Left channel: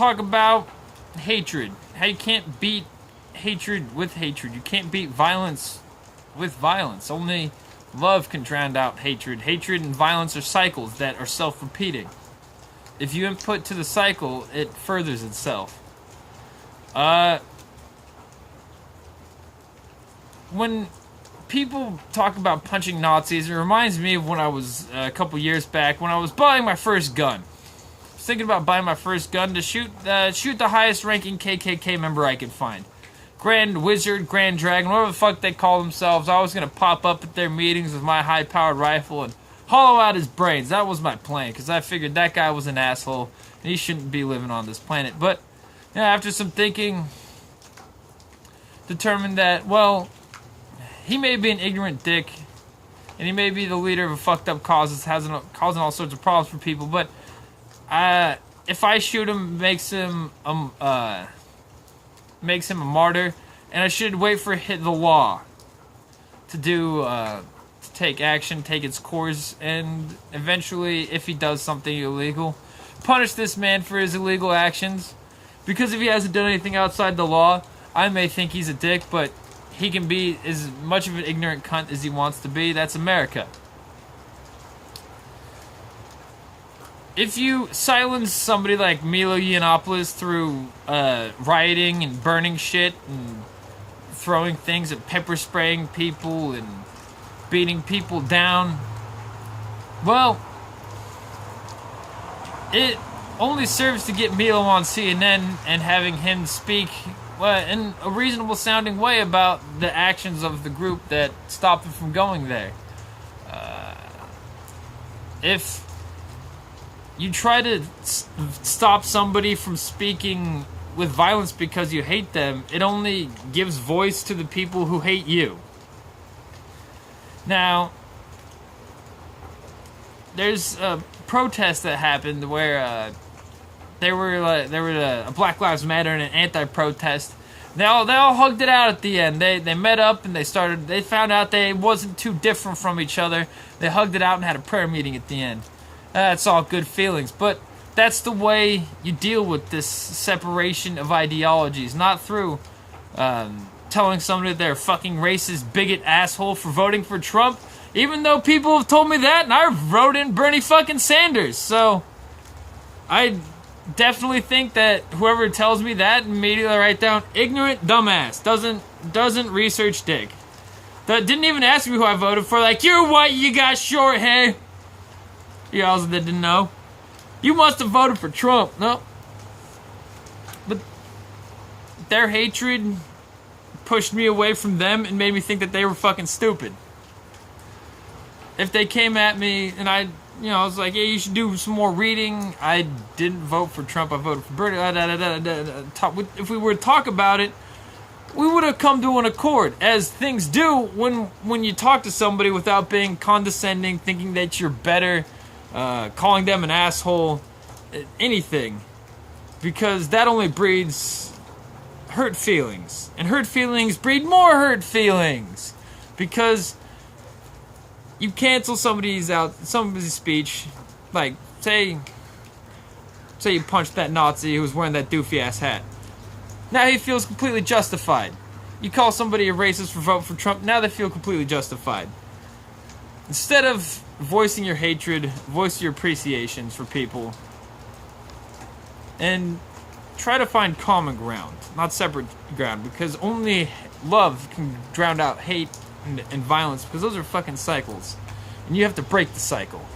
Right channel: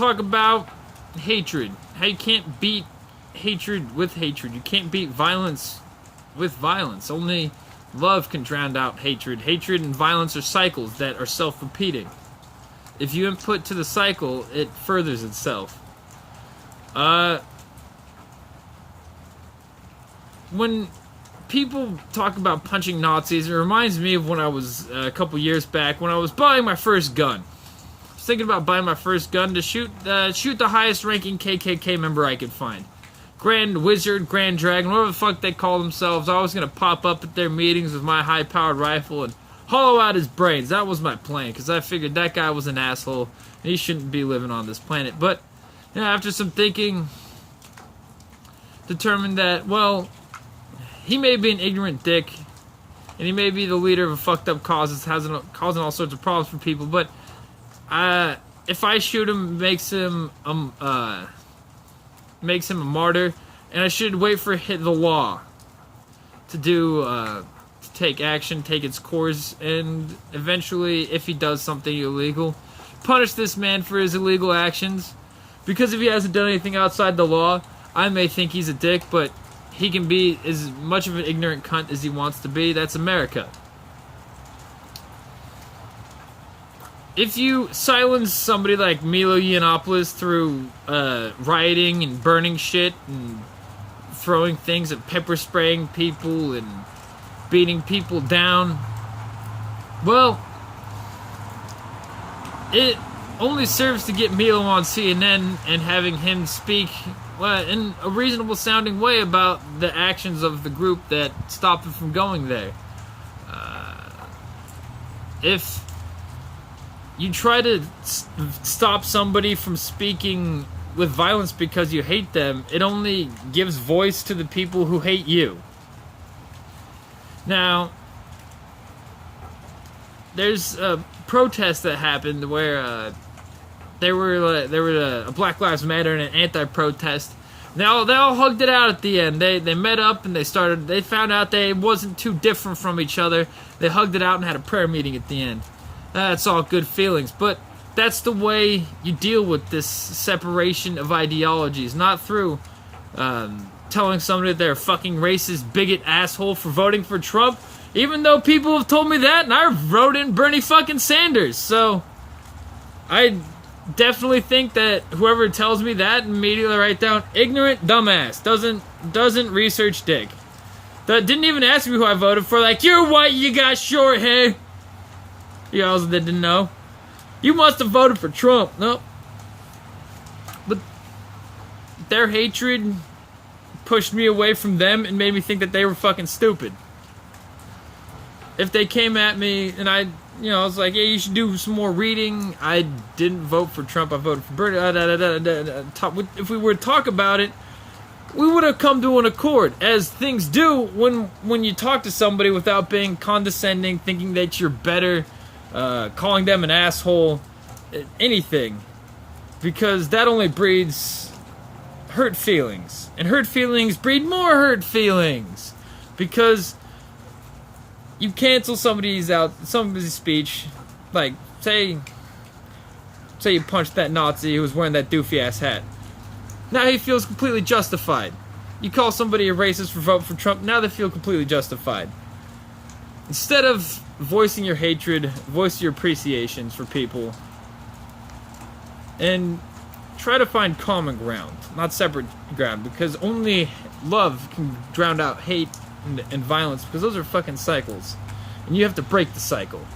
talk about hatred. How you can't beat hatred with hatred. You can't beat violence with violence. Only love can drown out hatred. Hatred and violence are cycles that are self-repeating. If you input to the cycle, it furthers itself. When people talk about punching Nazis, it reminds me of when I was a couple years back when I was buying my first gun. I was thinking about buying my first gun to shoot the highest-ranking KKK member I could find. Grand Wizard, Grand Dragon, whatever the fuck they call themselves. I was gonna pop up at their meetings with my high-powered rifle and hollow out his brains. That was my plan, because I figured that guy was an asshole and he shouldn't be living on this planet. But after some thinking, determined that, well, he may be an ignorant dick, and he may be the leader of a fucked up cause that's causing all sorts of problems for people, but if I shoot him, makes him a martyr, and I should wait for the law to take action, take its course, and eventually, if he does something illegal, punish this man for his illegal actions. Because if he hasn't done anything outside the law, I may think he's a dick, but he can be as much of an ignorant cunt as he wants to be. That's America. If you silence somebody like Milo Yiannopoulos through rioting and burning shit and throwing things and pepper spraying people and beating people down, well, it only serves to get Milo on CNN and having him speak in a reasonable sounding way about the actions of the group that stopped him from going there. If you try to stop somebody from speaking with violence because you hate them, it only gives voice to the people who hate you. Now, there's a protest that happened where there were a Black Lives Matter and an anti-protest. They all hugged it out at the end. They met up and they found out they wasn't too different from each other. They hugged it out and had a prayer meeting at the end. That's all good feelings, but that's the way you deal with this separation of ideologies, not through telling somebody that they're a fucking racist, bigot asshole for voting for Trump, even though people have told me that, and I wrote in Bernie fucking Sanders. So I definitely think that whoever tells me that, immediately write down ignorant dumbass, doesn't research dick. That didn't even ask me who I voted for. Like, you're white, you got short hair. You also didn't know. You must have voted for Trump. No. But their hatred pushed me away from them and made me think that they were fucking stupid. If they came at me and I was like, yeah, you should do some more reading. I didn't vote for Trump. I voted for Bernie. If we were to talk about it, we would have come to an accord, as things do when you talk to somebody without being condescending, thinking that you're better, calling them an asshole, anything. Because that only breeds hurt feelings. And hurt feelings breed more hurt feelings. Because you cancel somebody's speech, like, say you punched that Nazi who was wearing that doofy ass hat. Now he feels completely justified. You call somebody a racist for voting for Trump, now they feel completely justified. Instead of voicing your hatred, voice your appreciations for people. And try to find common ground, not separate ground, because only love can drown out hate and violence, because those are fucking cycles. And you have to break the cycle.